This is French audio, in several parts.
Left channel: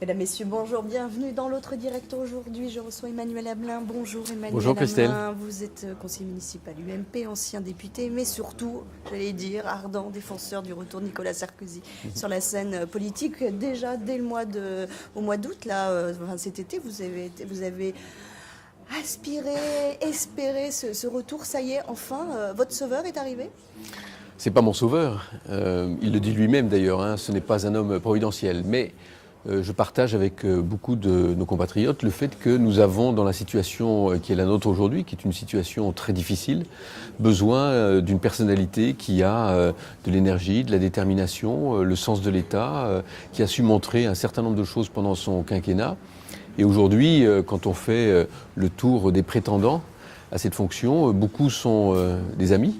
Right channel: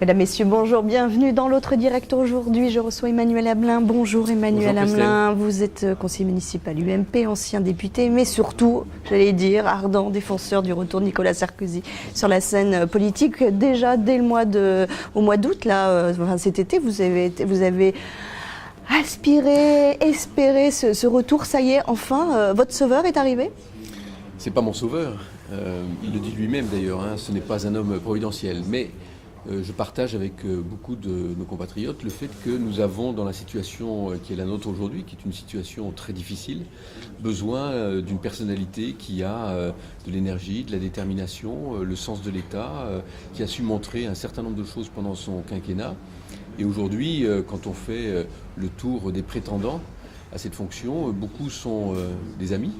Mesdames, Messieurs, bonjour, bienvenue dans l'autre direct. Aujourd'hui, je reçois Emmanuel Hamelin. Bonjour Emmanuel Hamelin, vous êtes conseiller municipal UMP, ancien député, mais surtout, j'allais dire, ardent défenseur du retour de Nicolas Sarkozy sur la scène politique. Déjà, dès au mois d'août, cet été, vous avez aspiré, espéré ce retour. Ça y est, enfin, votre sauveur est arrivé? C'est pas mon sauveur, il le dit lui-même d'ailleurs, hein, ce n'est pas un homme providentiel, mais je partage avec beaucoup de nos compatriotes le fait que nous avons, dans la situation qui est la nôtre aujourd'hui, qui est une situation très difficile, besoin d'une personnalité qui a de l'énergie, de la détermination, le sens de l'État, qui a su montrer un certain nombre de choses pendant son quinquennat. Et aujourd'hui, quand on fait le tour des prétendants à cette fonction, beaucoup sont des amis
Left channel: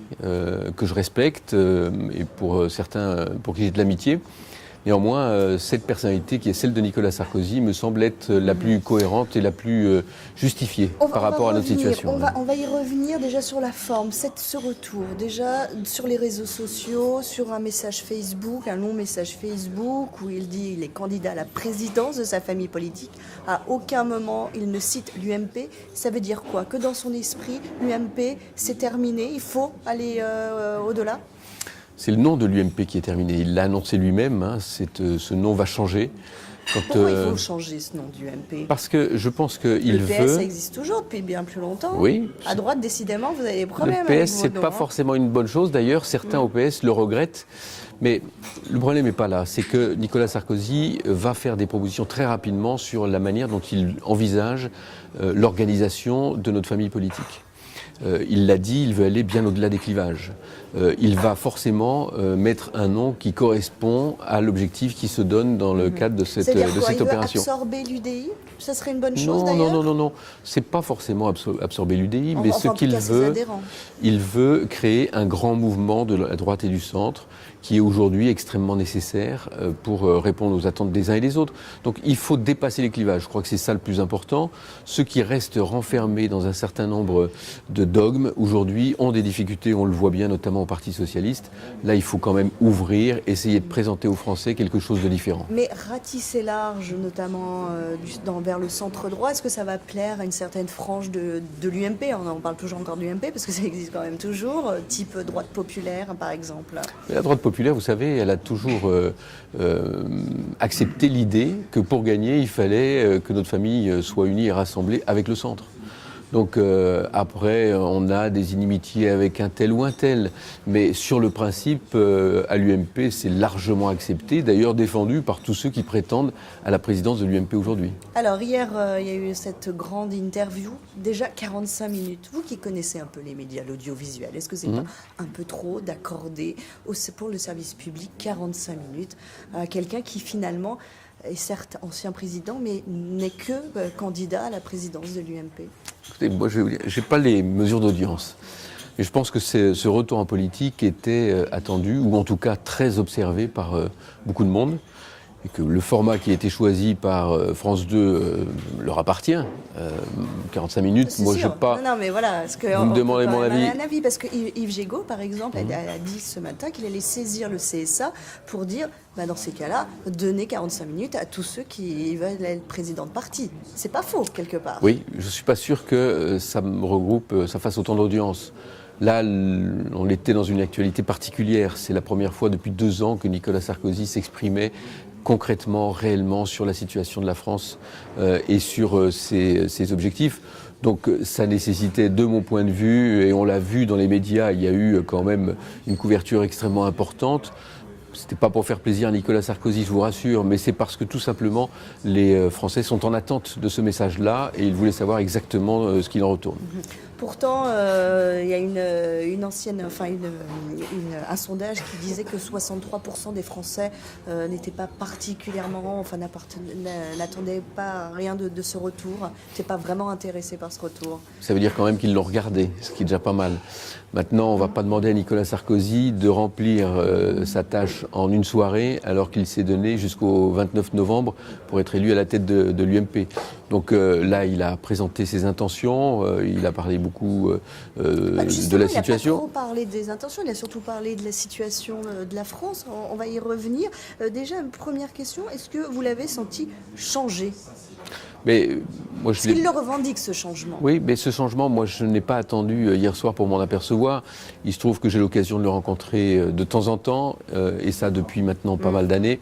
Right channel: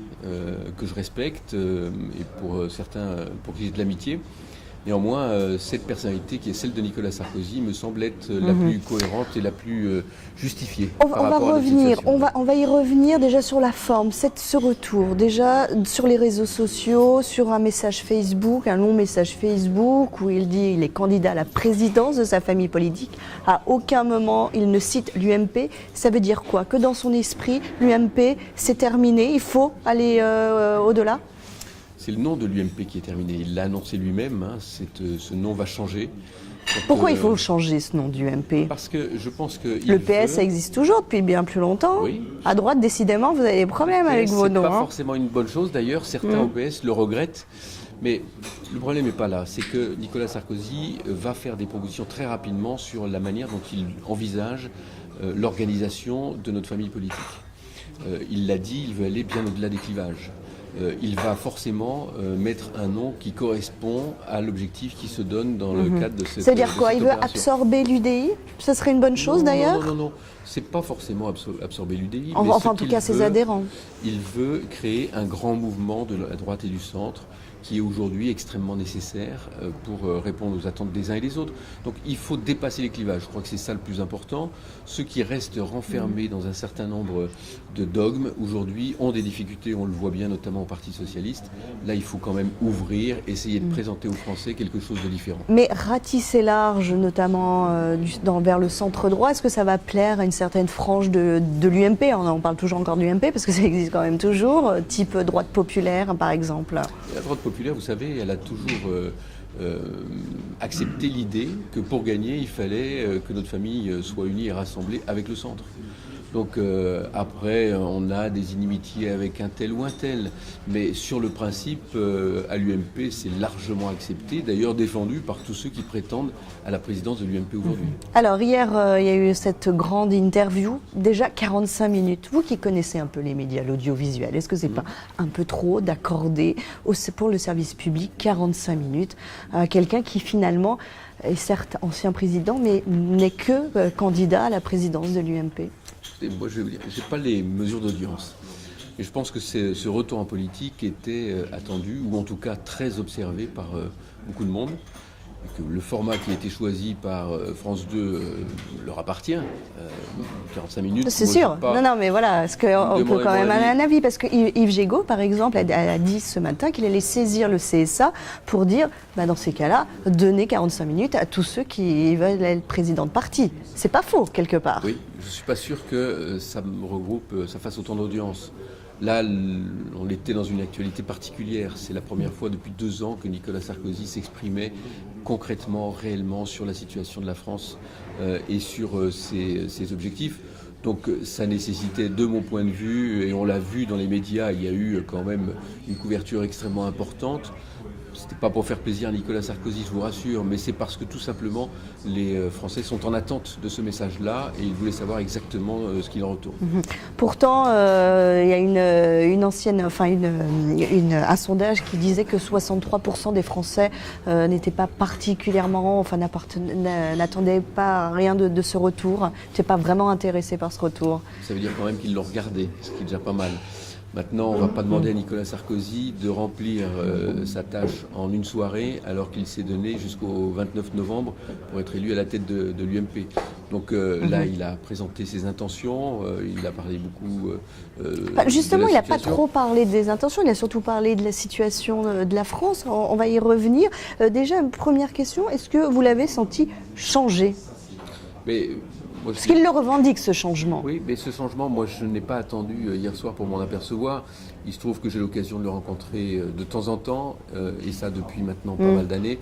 que je respecte et pour certains pour qui j'ai de l'amitié. Néanmoins, cette personnalité qui est celle de Nicolas Sarkozy me semble être la plus cohérente et la plus justifiée par rapport à notre situation. On va y revenir déjà sur la forme, ce retour. Déjà sur les réseaux sociaux, sur un message Facebook, un long message Facebook où il dit qu'il est candidat à la présidence de sa famille politique. À aucun moment il ne cite l'UMP. Ça veut dire quoi? Que dans son esprit, l'UMP c'est terminé, il faut aller au-delà? C'est le nom de l'UMP qui est terminé. Il l'a annoncé lui-même, hein, ce nom va changer. Pourquoi il faut le changer, ce nom d'UMP? Parce que je pense que le PS, ça existe toujours depuis bien plus longtemps. Oui. À droite, décidément, vous avez des problèmes avec vos noms. C'est pas forcément une bonne chose. D'ailleurs, certains au PS le regrettent. Mais le problème n'est pas là. C'est que Nicolas Sarkozy va faire des propositions très rapidement sur la manière dont il envisage l'organisation de notre famille politique. Il l'a dit, il veut aller bien au-delà des clivages. Il va forcément mettre un nom qui correspond à l'objectif qui se donne dans le cadre de cette opération. C'est-à-dire quoi? Il veut absorber l'UDI? Ce serait une bonne chose d'ailleurs? Non. C'est pas forcément absorber l'UDI, mais en tout cas ses adhérents. Il veut créer un grand mouvement de la droite et du centre qui est aujourd'hui extrêmement nécessaire pour répondre aux attentes des uns et des autres. Donc il faut dépasser les clivages. Je crois que c'est ça le plus important. Ceux qui restent renfermés dans un certain nombre de dogmes aujourd'hui ont des difficultés, on le voit bien notamment au Parti socialiste. Là, il faut quand même ouvrir, essayer de présenter aux Français quelque chose de différent. Mais ratisser large, notamment vers le centre droit, est-ce que ça va plaire à une certaine frange de l'UMP? On parle toujours encore de l'UMP parce que ça existe quand même toujours, type droite populaire par exemple. La droite populaire, vous savez, elle a toujours accepté l'idée que pour gagner, il fallait que notre famille soit unie et rassemblée avec le centre. Donc après, on a des inimitiés avec un tel ou un tel. Mais sur le principe, à l'UMP, c'est largement accepté, d'ailleurs défendu par tous ceux qui prétendent à la présidence de l'UMP aujourd'hui. Alors hier, il y a eu cette grande interview, déjà 45 minutes. Vous qui connaissez un peu les médias, l'audiovisuel, est-ce que c'est pas un peu trop d'accorder pour le service public 45 minutes à quelqu'un qui finalement est certes ancien président, mais n'est que candidat à la présidence de l'UMP? Écoutez, moi, je n'ai pas les mesures d'audience. Mais je pense que ce retour en politique était attendu, ou en tout cas très observé par beaucoup de monde. Et que le format qui a été choisi par France 2 leur appartient. 45 minutes, c'est sûr. Non, mais voilà, est-ce qu'on peut quand même avoir un avis? Parce que Yves Gégaud, par exemple, a dit ce matin qu'il allait saisir le CSA pour dire, dans ces cas-là, donner 45 minutes à tous ceux qui veulent être président de parti. C'est pas faux, quelque part. Oui, je ne suis pas sûr que ça fasse autant d'audience. Là, on était dans une actualité particulière. C'est la première fois depuis 2 ans que Nicolas Sarkozy s'exprimait concrètement, réellement sur la situation de la France et sur ses objectifs. Donc ça nécessitait, de mon point de vue, et on l'a vu dans les médias, il y a eu quand même une couverture extrêmement importante. C'était pas pour faire plaisir à Nicolas Sarkozy, je vous rassure, mais c'est parce que tout simplement les Français sont en attente de ce message-là et ils voulaient savoir exactement ce qu'il en retourne. Pourtant, il y a un sondage qui disait que 63% des Français n'étaient pas particulièrement, n'attendaient pas rien de ce retour, n'étaient pas vraiment intéressés par ce retour. Ça veut dire quand même qu'ils l'ont regardé, ce qui est déjà pas mal. Maintenant, on ne va pas demander à Nicolas Sarkozy de remplir sa tâche en une soirée alors qu'il s'est donné jusqu'au 29 novembre pour être élu à la tête de l'UMP. Donc là, il a présenté ses intentions, il a parlé beaucoup justement, de il la n'a pas situation. trop parlé des intentions, il a surtout parlé de la situation de la France. On va y revenir. Déjà, première question, est-ce que vous l'avez senti changer? Mais moi, Est-ce qu'il le revendique, ce changement? Oui, mais ce changement, moi, je n'ai pas attendu hier soir pour m'en apercevoir. Il se trouve que j'ai l'occasion de le rencontrer de temps en temps, et ça depuis maintenant pas mal d'années,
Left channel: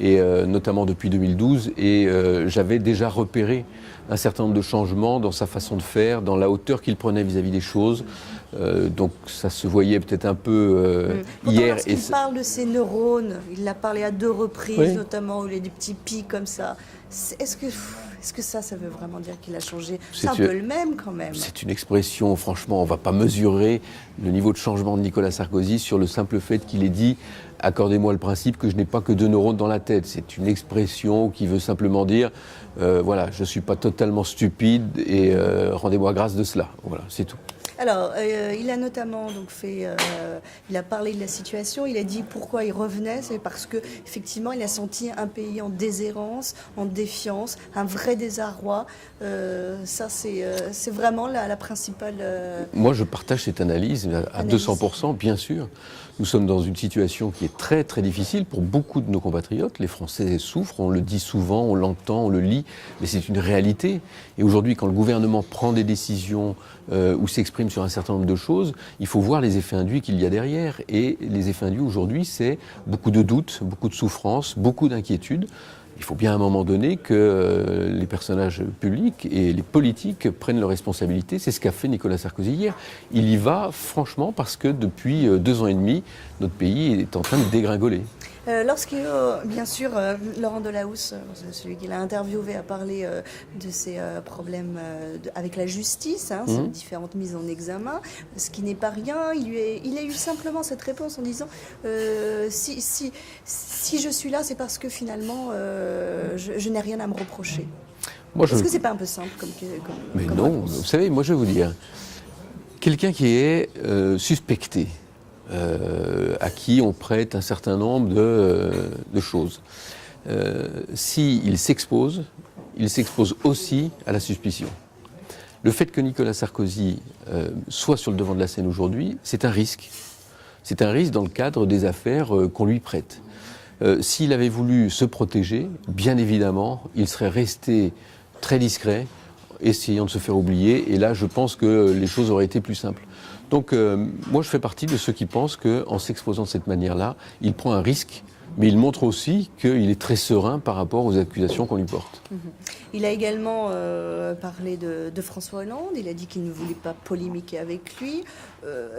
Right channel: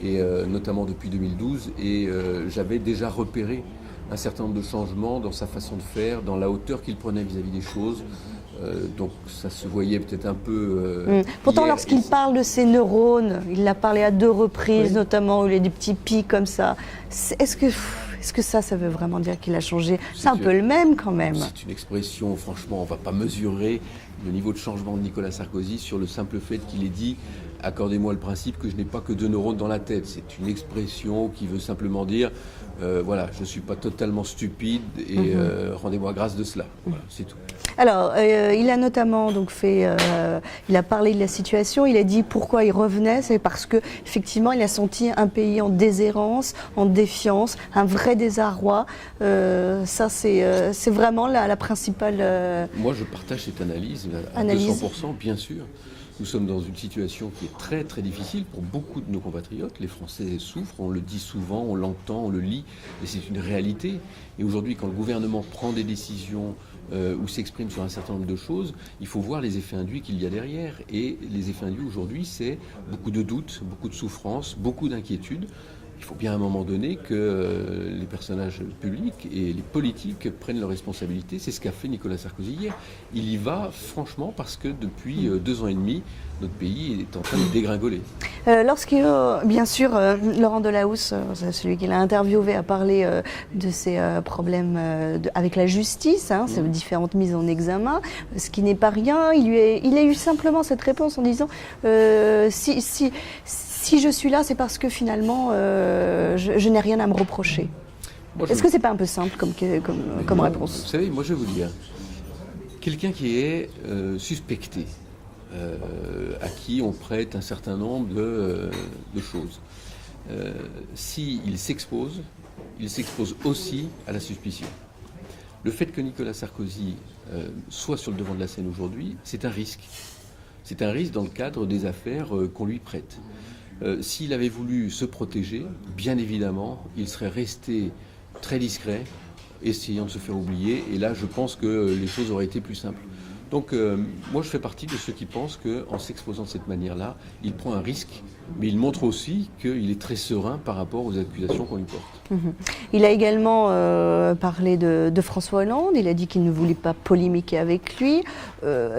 et notamment depuis 2012. Et j'avais déjà repéré un certain nombre de changements dans sa façon de faire, dans la hauteur qu'il prenait vis-à-vis des choses. Donc ça se voyait peut-être un peu Pourtant, hier, lorsqu'il parle de ses neurones, il l'a parlé à 2 reprises, Oui. notamment où il y a des petits pics comme ça. Est-ce que ça veut vraiment dire qu'il a changé? C'est un peu le même quand même. C'est une expression, franchement, on ne va pas mesurer le niveau de changement de Nicolas Sarkozy sur le simple fait qu'il ait dit « accordez-moi le principe que je n'ai pas que 2 neurones dans la tête ». C'est une expression qui veut simplement dire voilà, je ne suis pas totalement stupide et rendez-moi grâce de cela. Voilà, c'est tout. Alors, il a notamment donc il a parlé de la situation. Il a dit pourquoi il revenait, c'est parce que effectivement, il a senti un pays en déshérence, en défiance, un vrai désarroi. Ça, c'est vraiment la principale. Moi, je partage cette analyse à 200%, bien sûr. Nous sommes dans une situation qui est très très difficile pour beaucoup de nos compatriotes. Les Français souffrent, on le dit souvent, on l'entend, on le lit, mais c'est une réalité. Et aujourd'hui, quand le gouvernement prend des décisions ou s'exprime sur un certain nombre de choses, il faut voir les effets induits qu'il y a derrière. Et les effets induits aujourd'hui, c'est beaucoup de doutes, beaucoup de souffrances, beaucoup d'inquiétudes. Il faut bien à un moment donné que les personnages publics et les politiques prennent leurs responsabilités. C'est ce qu'a fait Nicolas Sarkozy hier. Il y va franchement parce que depuis 2 ans et demi, notre pays est en train de dégringoler. Lorsqu'il, bien sûr, Laurent Delahousse, celui qui l'a interviewé, a parlé de ses problèmes avec la justice, ces différentes mises en examen, ce qui n'est pas rien. Il a eu simplement cette réponse en disant si je suis là, c'est parce que finalement, je n'ai rien à me reprocher. Est-ce que c'est pas un peu simple comme réponse? Vous savez, moi je vais vous dire, quelqu'un qui est suspecté, à qui on prête un certain nombre de choses, s'il s'expose, il s'expose aussi à la suspicion. Le fait que Nicolas Sarkozy soit sur le devant de la scène aujourd'hui, c'est un risque. C'est un risque dans le cadre des affaires qu'on lui prête. S'il avait voulu se protéger, bien évidemment, il serait resté très discret, essayant de se faire oublier. Et là, je pense que les choses auraient été plus simples. Donc, moi, je fais partie de ceux qui pensent qu'en s'exposant de cette manière-là, il prend un risque, mais il montre aussi qu'il est très serein par rapport aux accusations qu'on lui porte. Il a également parlé de François Hollande. Il a dit qu'il ne voulait pas polémiquer avec lui.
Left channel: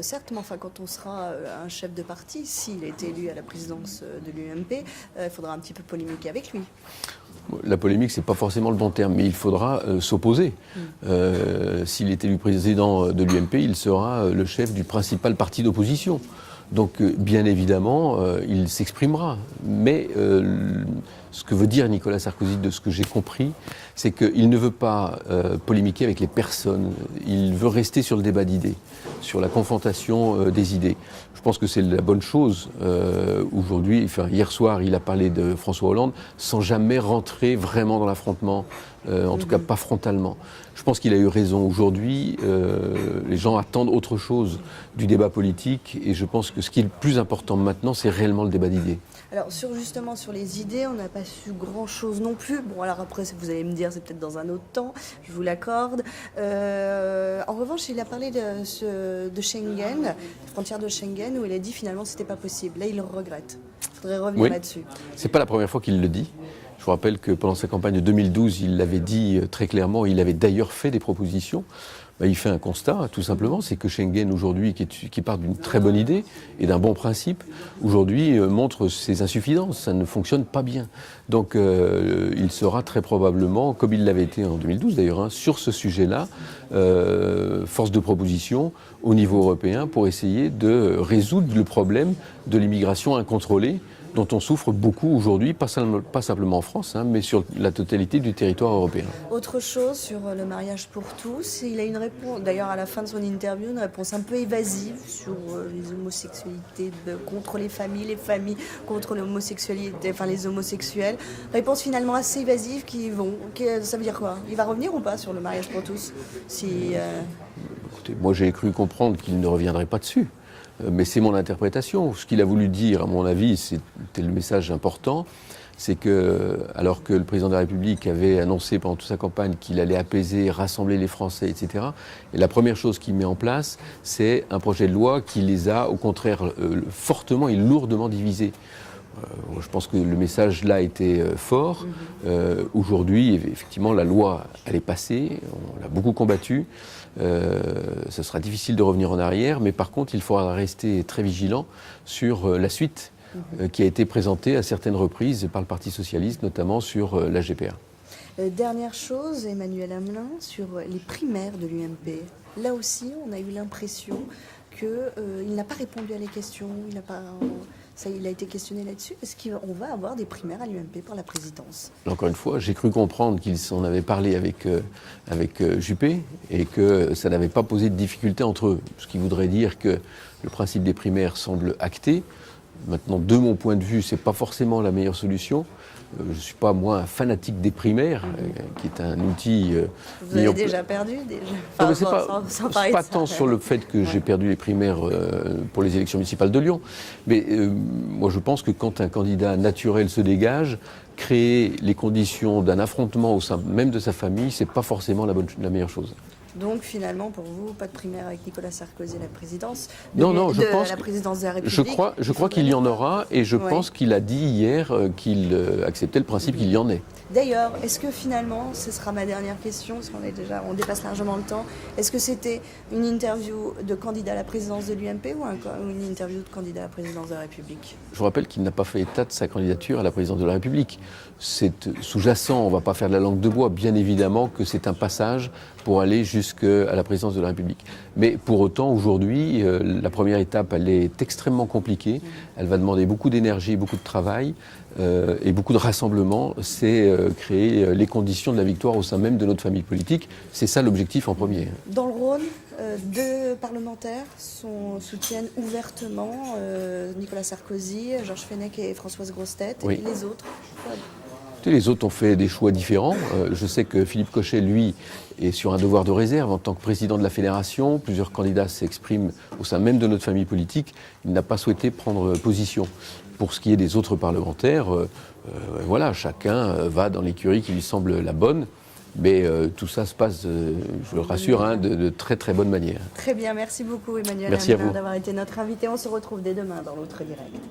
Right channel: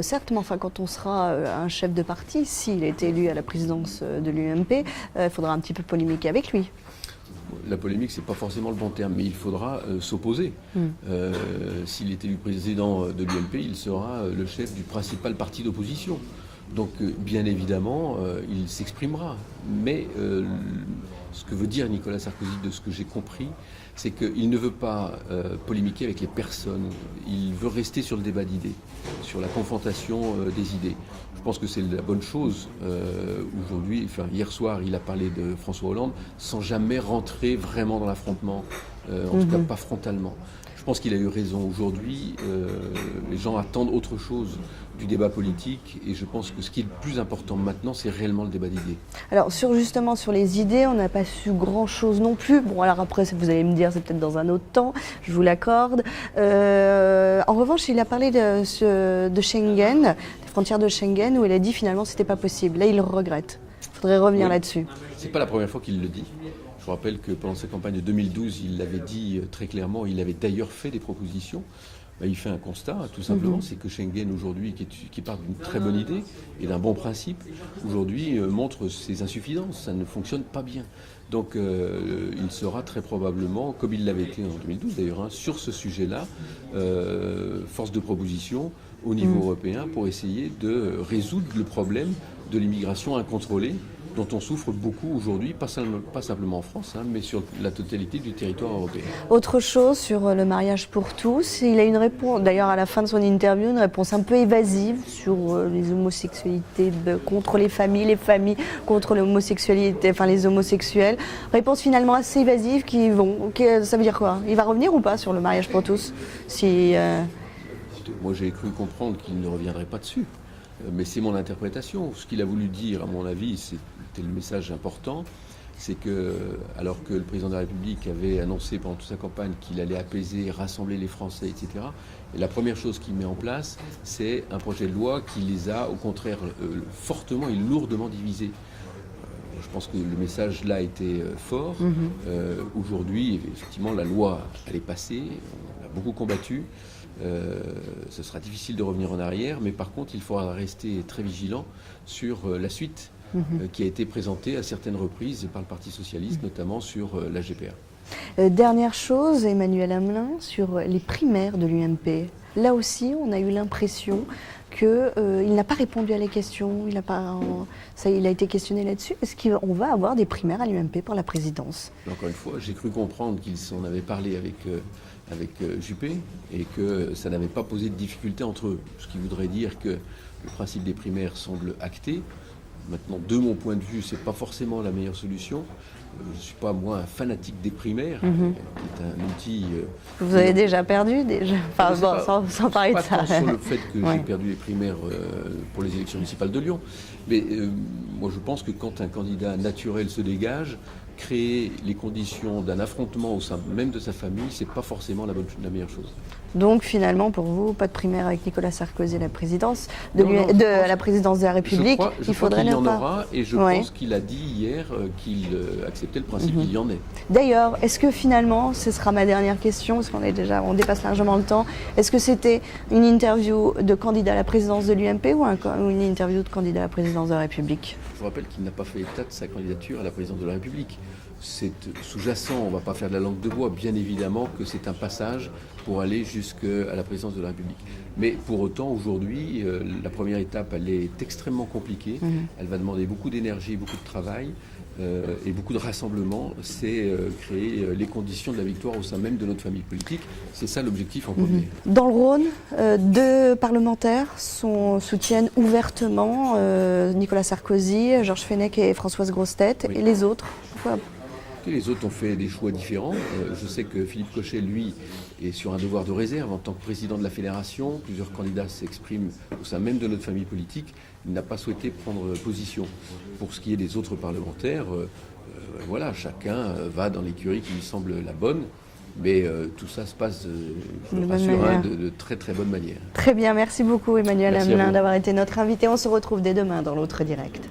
Certes, mais enfin, quand on sera un chef de parti, s'il est élu à la présidence de l'UMP, il faudra un petit peu polémiquer avec lui. La polémique, ce n'est pas forcément le bon terme, mais il faudra s'opposer. S'il est élu président de l'UMP, il sera le chef du principal parti d'opposition. Donc, bien évidemment, il s'exprimera. Mais ce que veut dire Nicolas Sarkozy, de ce que j'ai compris, c'est qu'il ne veut pas polémiquer avec les personnes. Il veut rester sur le débat d'idées, sur la confrontation des idées. Je pense que c'est la bonne chose aujourd'hui. Enfin, hier soir, il a parlé de François Hollande sans jamais rentrer vraiment dans l'affrontement, en tout cas pas frontalement. Je pense qu'il a eu raison. Aujourd'hui, les gens attendent autre chose du débat politique et je pense que ce qui est le plus important maintenant, c'est réellement le débat d'idées. Alors, justement, sur les idées, on n'a pas su grand-chose non plus. Bon, alors après, vous allez me dire, c'est peut-être dans un autre temps, je vous l'accorde. En revanche, il a parlé de Schengen, des frontières de Schengen, où il a dit finalement c'était pas possible. Là, il le regrette. Il faudrait revenir là-dessus. C'est pas la première fois qu'il le dit. Je vous rappelle que pendant sa campagne de 2012, il l'avait dit très clairement, il avait d'ailleurs fait des propositions. Il fait un constat, tout simplement, c'est que Schengen aujourd'hui, qui part d'une très bonne idée et d'un bon principe, aujourd'hui montre ses insuffisances, ça ne fonctionne pas bien. Donc il sera très probablement, comme il l'avait été en 2012 d'ailleurs, sur ce sujet-là, force de proposition au niveau européen pour essayer de résoudre le problème de l'immigration incontrôlée dont on souffre beaucoup aujourd'hui, pas simplement en France, hein, mais sur la totalité du territoire européen. Autre chose sur le mariage pour tous, il a une réponse, d'ailleurs à la fin de son interview, une réponse un peu évasive sur les homosexualités contre les familles contre l'homosexualité, enfin les homosexuels. Réponse finalement assez évasive ça veut dire quoi? Il va revenir ou pas sur le mariage pour tous Écoutez, moi j'ai cru comprendre qu'il ne reviendrait pas dessus. Mais c'est mon interprétation. Ce qu'il a voulu dire, à mon avis, c'était le message important, c'est que, alors que le président de la République avait annoncé pendant toute sa campagne qu'il allait apaiser, rassembler les Français, etc., et la première chose qu'il met en place, c'est un projet de loi qui les a, au contraire, fortement et lourdement divisés. Je pense que le message là était fort. Aujourd'hui, effectivement, la loi, elle est passée, on l'a beaucoup combattue. Ce sera difficile de revenir en arrière, mais par contre, il faudra rester très vigilant sur la suite qui a été présentée à certaines reprises par le Parti socialiste, notamment sur la GPA. Dernière chose, Emmanuel Amelin, sur les primaires de l'UMP. Là aussi, on a eu l'impression qu'il n'a pas répondu à les questions, il a été questionné là-dessus. Est-ce qu'on va avoir des primaires à l'UMP pour la présidence? Encore une fois, j'ai cru comprendre qu'ils en avaient parlé avec Juppé et que ça n'avait pas posé de difficulté entre eux. Ce qui voudrait dire que le principe des primaires semble acté. Maintenant, de mon point de vue, ce n'est pas forcément la meilleure solution. Je ne suis pas, moi, un fanatique des primaires, qui est un outil... Vous avez déjà perdu, déjà. Enfin, sans parler de ça. Pas tant sur le fait que j'ai perdu les primaires pour les élections municipales de Lyon, mais moi je pense que quand un candidat naturel se dégage, créer les conditions d'un affrontement au sein même de sa famille, ce n'est pas forcément la meilleure chose. Donc finalement, pour vous, pas de primaire avec Nicolas Sarkozy à la présidence la présidence de la République. Je crois qu'il y en aura et je pense qu'il a dit hier qu'il acceptait le principe qu'il y en ait. D'ailleurs, est-ce que finalement, ce sera ma dernière question, parce on dépasse largement le temps, est-ce que c'était une interview de candidat à la présidence de l'UMP ou une interview de candidat à la présidence de la République? Je vous rappelle qu'il n'a pas fait état de sa candidature à la présidence de la République. C'est sous-jacent, on ne va pas faire de la langue de bois, bien évidemment que c'est un passage pour aller jusqu'à la présidence de la République. Mais pour autant, aujourd'hui, la première étape, elle est extrêmement compliquée. Elle va demander beaucoup d'énergie, beaucoup de travail et beaucoup de rassemblement. C'est créer les conditions de la victoire au sein même de notre famille politique. C'est ça l'objectif en premier. Dans le Rhône, deux parlementaires soutiennent ouvertement Nicolas Sarkozy, Georges Fenech et Françoise Grossetête. Et les autres Les autres ont fait des choix différents. Je sais que Philippe Cochet, lui, est sur un devoir de réserve en tant que président de la fédération. Plusieurs candidats s'expriment au sein même de notre famille politique. Il n'a pas souhaité prendre position. Pour ce qui est des autres parlementaires, voilà, chacun va dans l'écurie qui lui semble la bonne. Mais tout ça se passe, je le rassure, de très très bonne manière. Très bien, merci beaucoup Emmanuel Amelin d'avoir été notre invité. On se retrouve dès demain dans l'autre direct.